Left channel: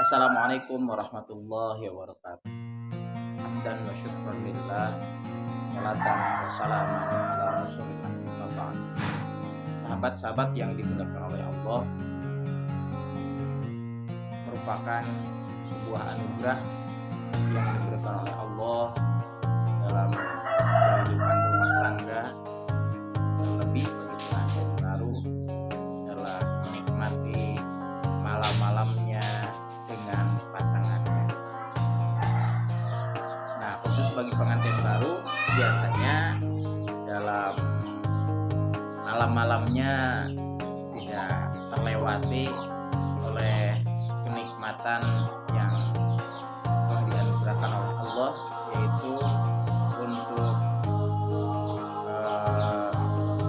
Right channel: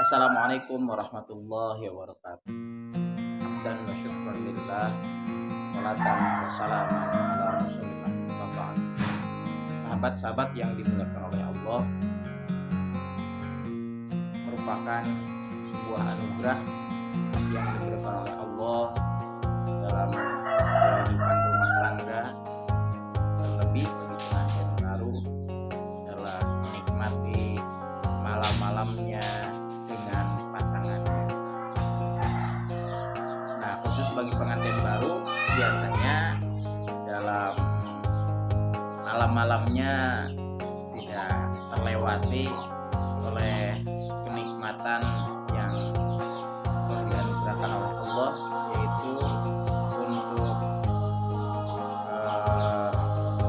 Assalamualaikum warahmatullahi wabarakatuh. Hamdan wa syukran lillah, salatan wa salaman ala rasulillah. Bapak, sahabat-sahabat yang dimuliakan oleh Allah, merupakan sebuah anugerah yang diberikan oleh Allah dalam kehidupan rumah tangga, terlebih bagi pengantin baru adalah menikmati malam-malamnya dengan pasangannya. Nah, khusus bagi pengantin baru biasanya dalam malam-malamnya tidak terlewati oleh kenikmatan yang telah dianugerahkan oleh Allah, yaitu untuk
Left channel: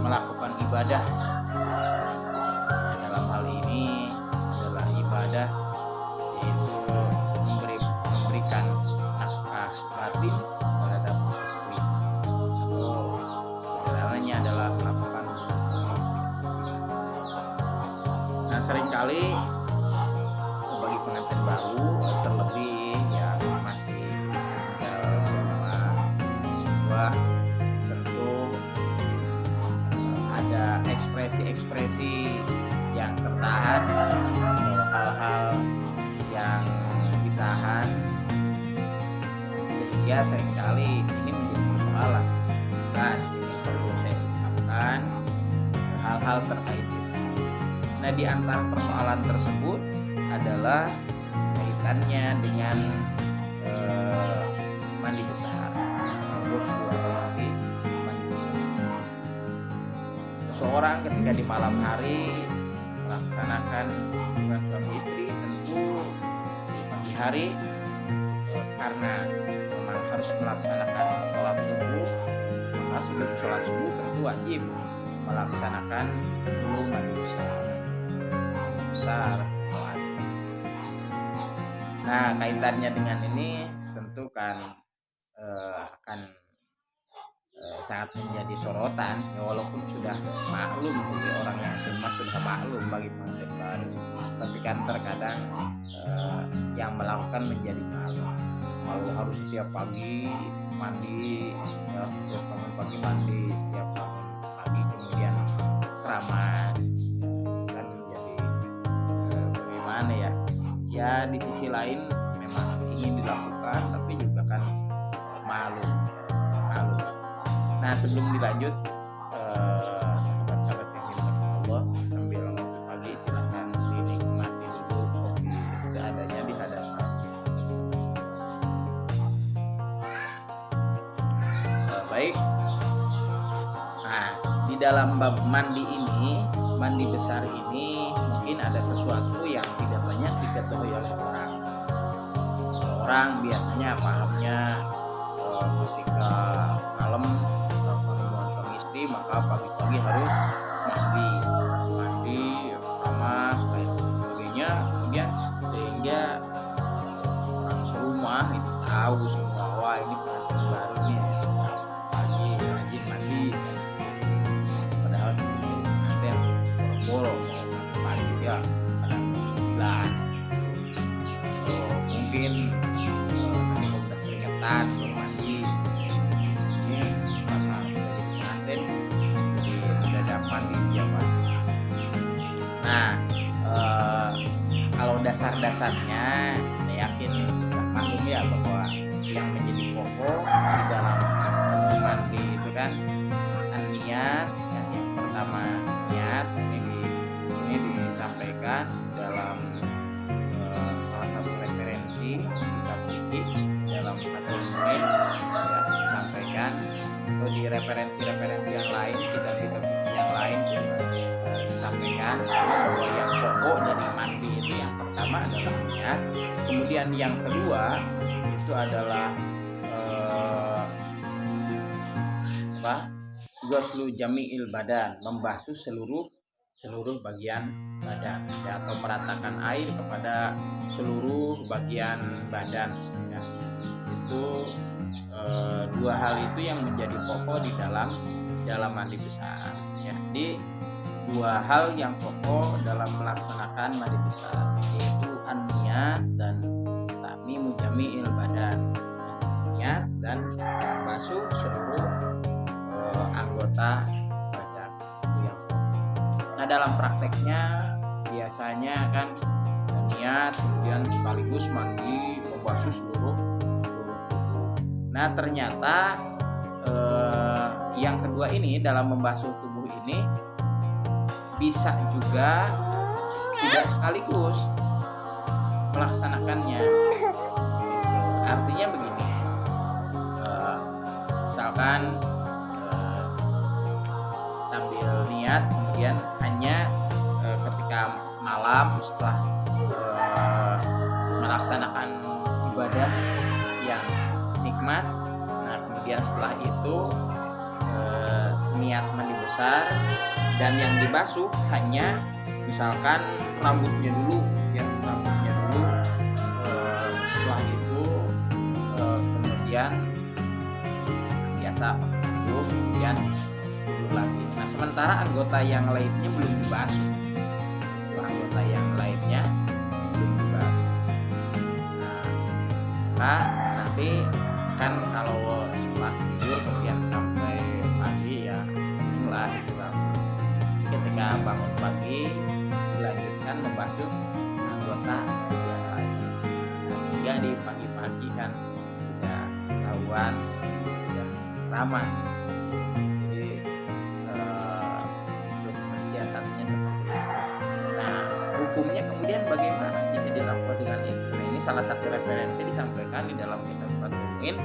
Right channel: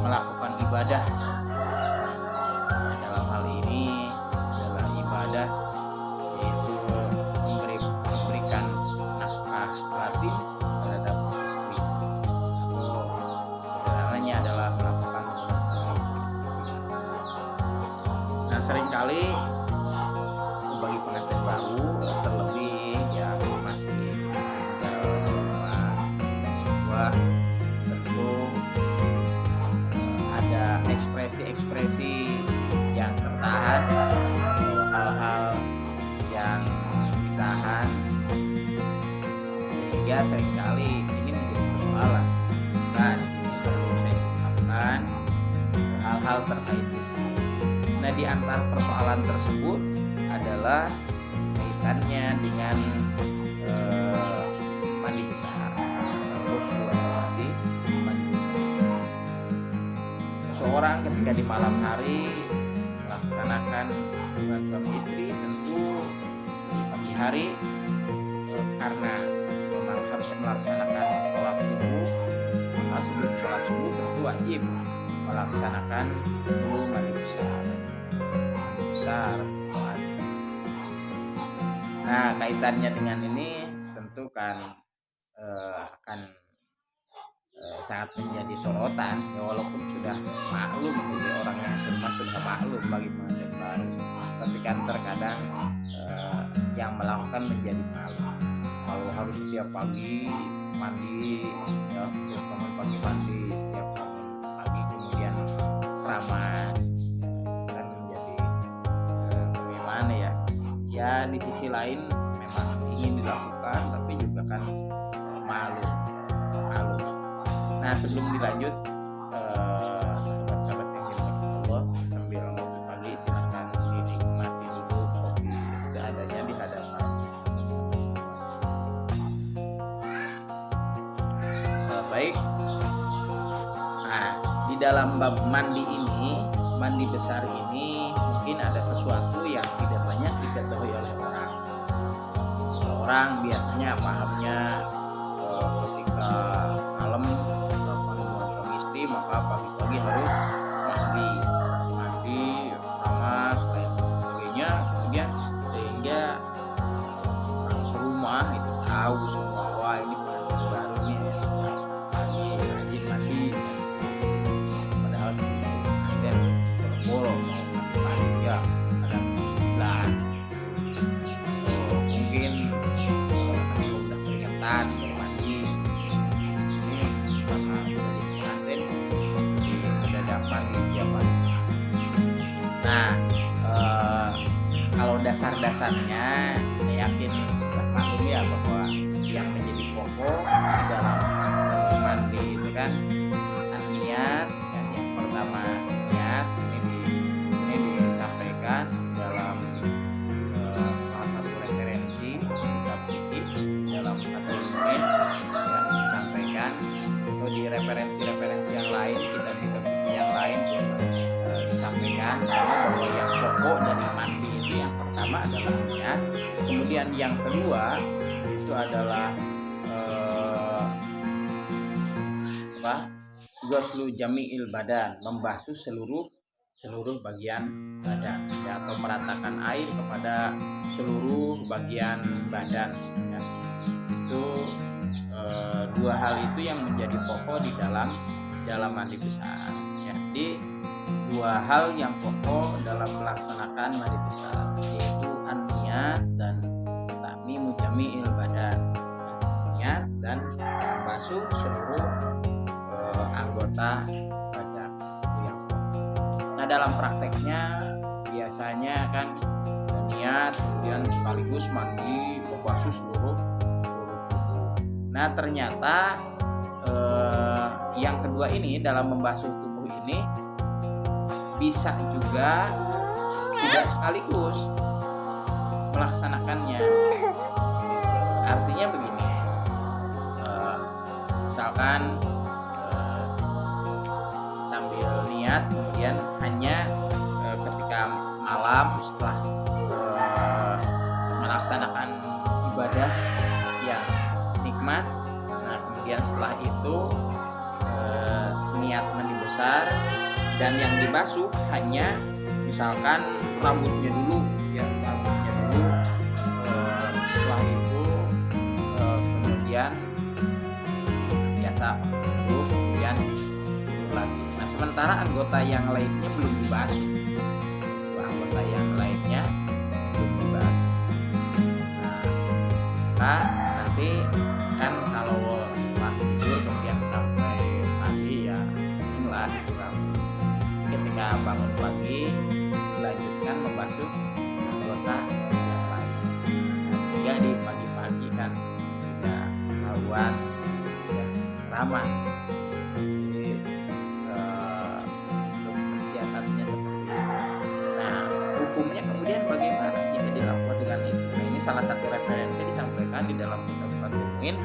melakukan ibadah. Dalam hal ini adalah ibadah, yaitu memberikan nafkah batin terhadap istri, atau sederhananya adalah melakukan hubungan istri. Nah, seringkali bagi pengantin baru, terlebih yang masih tinggal serumah dua, tentu ada ekspresi-ekspresi yang tertahan atau hal-hal yang ditahan, sehingga seringkali ini menjadi persoalan. Dan ini perlu saya ungkapkan hal-hal terkait itu. Nah, di antara persoalan tersebut adalah kaitannya dengan mandi besar, ghusl atau mandi besar. Seseorang ketika di malam hari melaksanakan hubungan suami istri, tentu di pagi hari karena memang harus melaksanakan sholat subuh, maka sebelum sholat subuh tentu wajib melaksanakan dulu mandi besar. Nah, kaitannya dengan ini tentu kan akan sangat menjadi sorotan, ya, walaupun sudah maklum, jadi orang yang sudah maklum bagi pengantin baru, tapi kan terkadang yang melakukan menjadi malu. Kalau harus setiap pagi mandi, ya, setiap bangun pagi mandi, setiap bangun pagi kemudian keramas, ya, kan menjadi bagaimana ya? Ya, di sisi lain memang ingin dilakukan, tapi juga kan malu. Nah, sebelum dilanjut, sahabat-sahabat yang dimuliakan Allah, sambil ngopi pagi silahkan dinikmati dulu kopi seadanya di hadapan. Baik. Nah, di dalam bab mandi ini, mandi besar ini, mungkin ada sesuatu yang tidak banyak diketahui oleh orang. Kalau orang biasanya pahamnya ketika malam hubungan suami istri, maka pagi-pagi harus mandi, keramas, lain sebagainya, kemudian sehingga orang serumah itu tahu semua, wah ini pengantin baru nih, pagi rajin mandi. Padahal sebelumnya pengantin boro-boro mau mandi pagi, ya kadang 9, mungkin nanti kalau udah keringetan baru mandi. Ini karena udah jadi pengantin, jadi mendadak mandi dia pagi. Nah, kalau dasar-dasarnya saya yakin sudah maklum ya, bahwa yang menjadi pokok di dalam mandi itu kan niat, ya. Yang pertama niat, ini disampaikan dalam salah satu referensi kitab fikih dalam Fathul Muin, ya, disampaikan, atau di referensi yang lain, kitab-kitab fikih yang lain pun disampaikan bahwa yang pokok dari mandi itu yang pertama adalah niat, kemudian yang kedua itu adalah ghuslu jami'il badan, membasuh seluruh bagian badan, ya, atau meratakan air kepada seluruh bagian badan, ya. Itu dua hal itu yang menjadi pokok di dalam mandi besar, ya. Di dua hal yang pokok dalam melaksanakan mandi besar, yaitu an-niyat dan ta'mimu jami'il badan. Niat dan membasuh seluruh anggota badan, itu yang pokok. Nah, dalam prakteknya biasanya kan niat kemudian sekaligus mandi membasuh seluruh tubuh. Nah, ternyata yang kedua ini dalam membasuh tubuh ini bisa juga tidak sekaligus melaksanakannya. Gitu. Artinya begini, misalkan sambil niat kemudian hanya ketika malam setelah melaksanakan ibadah yang nikmat, nah kemudian setelah itu niat mandi besar dan yang dibasuh hanya misalkan rambutnya dulu ya, rambutnya dulu, setelah itu kemudian biasa duduk kemudian tidur lagi. Nah, sementara anggota yang lainnya belum dibasuh, anggota yang lainnya belum dibasuh. Nah, maka nanti kan kalau setelah tidur kemudian sampai pagi ya inilah itu kan, ketika bangun pagi dilanjutkan membasuh anggota yang lain. Nah, sehingga di pagi-pagi kan tidak ketahuan tidak ramah. Jadi untuk mensiasatnya seperti itu. Nah, hukumnya kemudian bagaimana jika dilakukan dengan itu? Nah, ini salah satu referensi disampaikan di dalam kitab Fathul Mu'in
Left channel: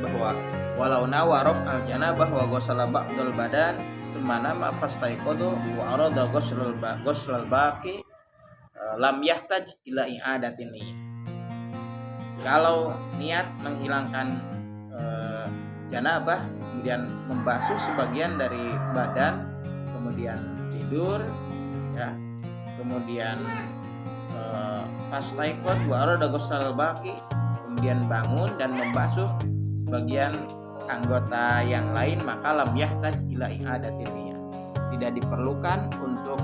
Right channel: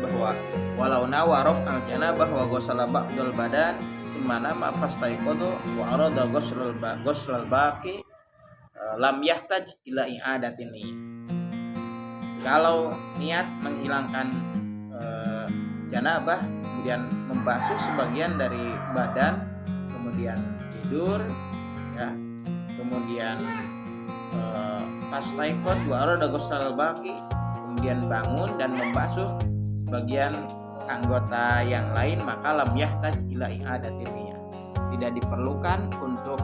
bahwa walau nawarof al janabah wa ghusala ba'dal badan summa nama fastaiqadu wa arada ghuslal baqi lam yahtaj ila i'adatin niyyah. Kalau niat menghilangkan janabah kemudian membasuh sebagian dari badan kemudian tidur ya, kemudian fastaiqad wa arada ghuslal baqi kemudian bangun dan membasuh bagian anggota yang lain, maka lam yahtaj ila i'adatin niyyah, tidak diperlukan untuk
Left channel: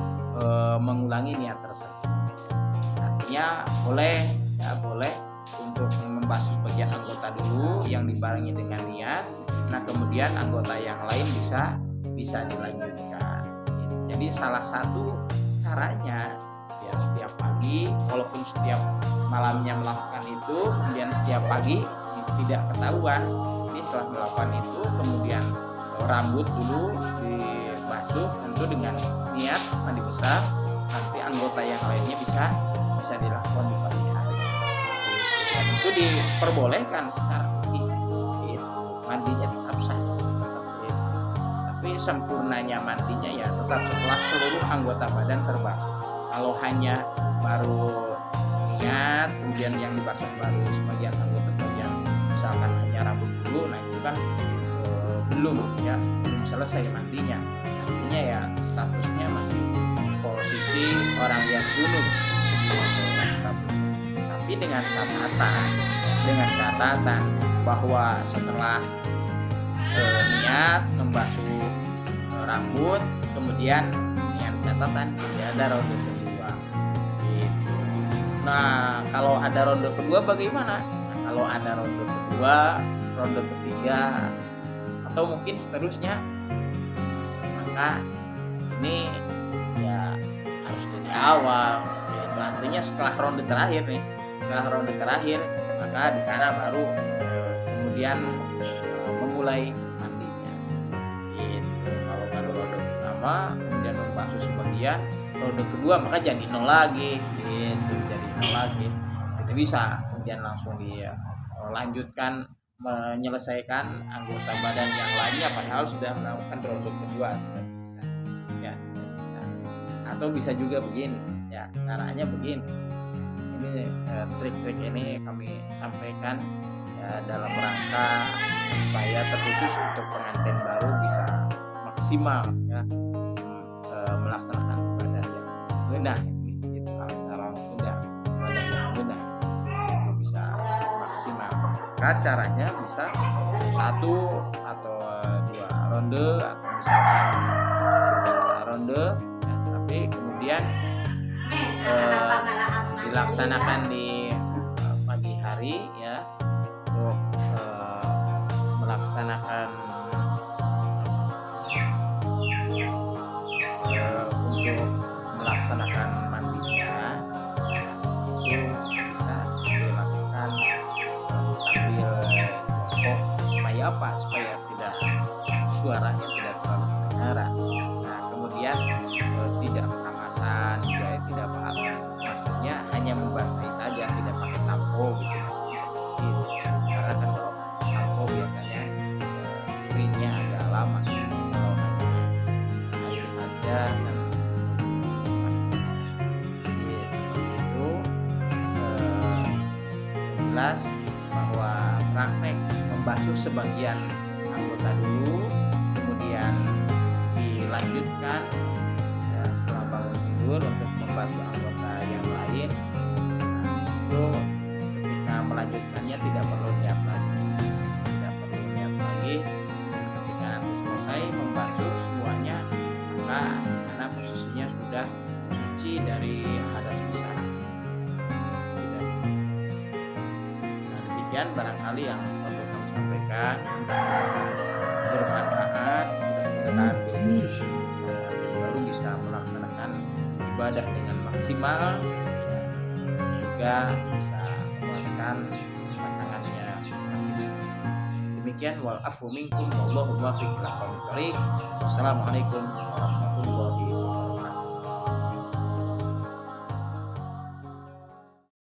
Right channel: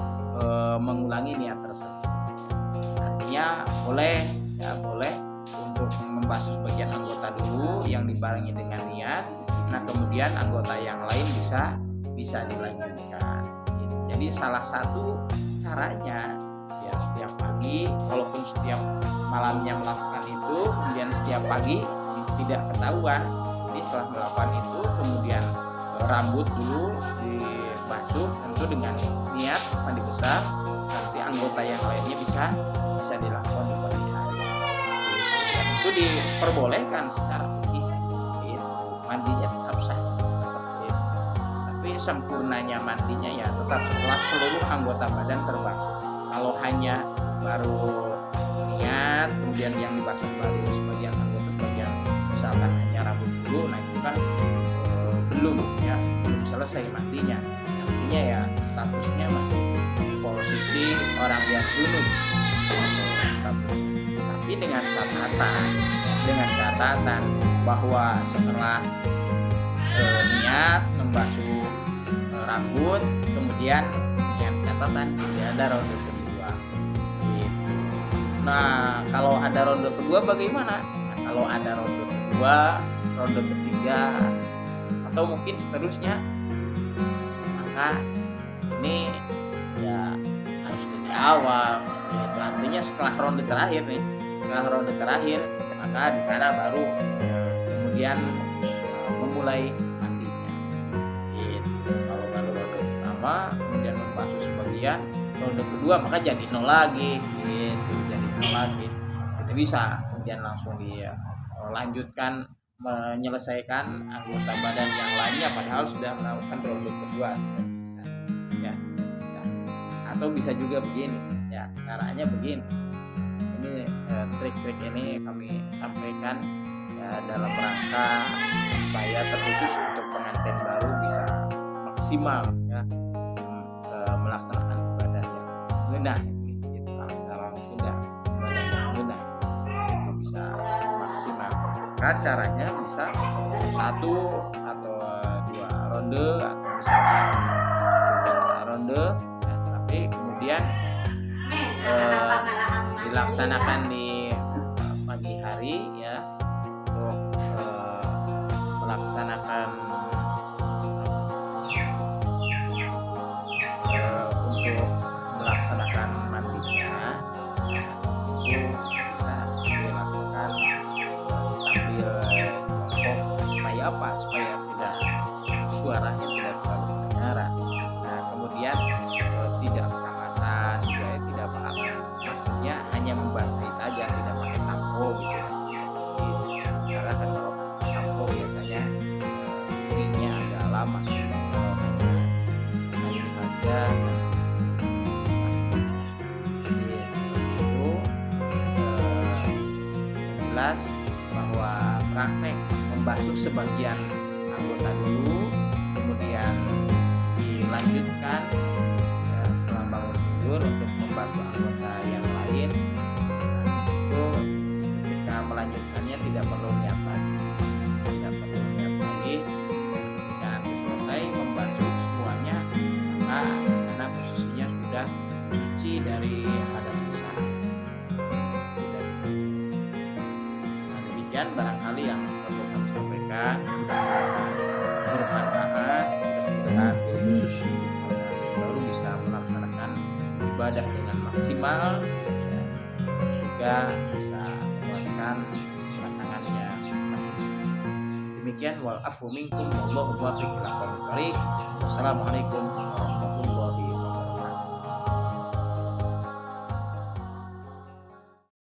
mengulangi niat tersebut. Artinya boleh untuk membasuh bagian anggota dulu yang dibarengi dengan niat. Nah, kemudian anggota yang lain bisa dilanjutkan. Jadi salah satu caranya ya setiap pagi, walaupun setiap malamnya melakukan itu, kemudian setiap pagi tidak ketahuan. Jadi setelah melakukan itu kemudian rambut dulu dibasuh tentu dengan niat mandi besar, nanti anggota yang lainnya bisa dilakukan di pagi hari. Dan itu diperbolehkan secara fikih. Itu mandinya tetap sah seperti itu. Tapi sempurnanya mandinya ya tetap setelah seluruh anggota badan terbasuh. Kalau hanya baru niat kemudian yang dibasuh baru sebagian anggota, sebagian misalkan hanya rambut dulu, nah itu kan belum selesai mandinya. Artinya ya statusnya masih posisi orang yang junub statusnya. Tapi dengan catatan bahwa setelah niat membasuh rambut kemudian dengan catatan tidak ada ronde kedua gitu. Nah, kalau ada ronde kedua bagaimana? Nah, kalau ada ronde kedua, ronde ketiga atau mungkin seterusnya, maka ini ya harus dari awal, yaitu artinya setelah ronde terakhir maka di sana baru kemudian memulai mandinya gitu. Kalau baru ronde pertama kemudian membasuh sebagian, ronde kedua maka jadi nol lagi gitu, kita bisa kemudian langsung dilanjutkan menyelesaikan anggota badan yang lainnya padahal sudah melakukan ronde kedua. Tidak bisa. Atau bisa juga begini ya, caranya begini. Ini trik-trik ini kami sampaikan ya dalam rangka supaya terkhusus untuk pengantin baru bisa maksimal ya melaksanakan ibadah yang ngeunah gitu. Orang Sunda ibadah yang ngeunah itu bisa maksimal. Kan caranya bisa 1 atau 2 ronde atau misalkan 3 ronde rapi, kemudian dilaksanakan di pagi hari ya, untuk melaksanakan untuk melaksanakan mandinya itu bisa dilakukan sambil jongkok, supaya apa? Supaya tidak suaranya tidak terlalu kedengaran. Nah, kemudian tidak penamasan juga ya, tidak apa, maksudnya hanya membasahi saja, tidak pakai sampo gitu ya, seperti itu. Karena kan kalau sampo biasanya keringnya agak lama, kalau hanya air saja kan jadi seperti itu. Yang jelas bahwa praktek membasuh sebagian anggota dulu, kemudian dilanjutkan ya, setelah bangun tidur untuk membasuh anggota yang lain. Nah, itu ketika melanjutkannya tidak perlu niat lagi, dan ketika nanti selesai membasuh semuanya, maka karena posisinya sudah suci dari hadas besar. Nah, demikian barangkali yang perlu kami sampaikan, mudah-mudahan bermanfaat, mudah-mudahan khusus yang baru bisa melaksanakan ibadah dengan maksimal ya, juga bisa memuaskan pasangannya masing-masing. Demikian, wal afu minkum wallahu muwaffiq ila aqwamit thoriq. Wassalamualaikum warahmatullahi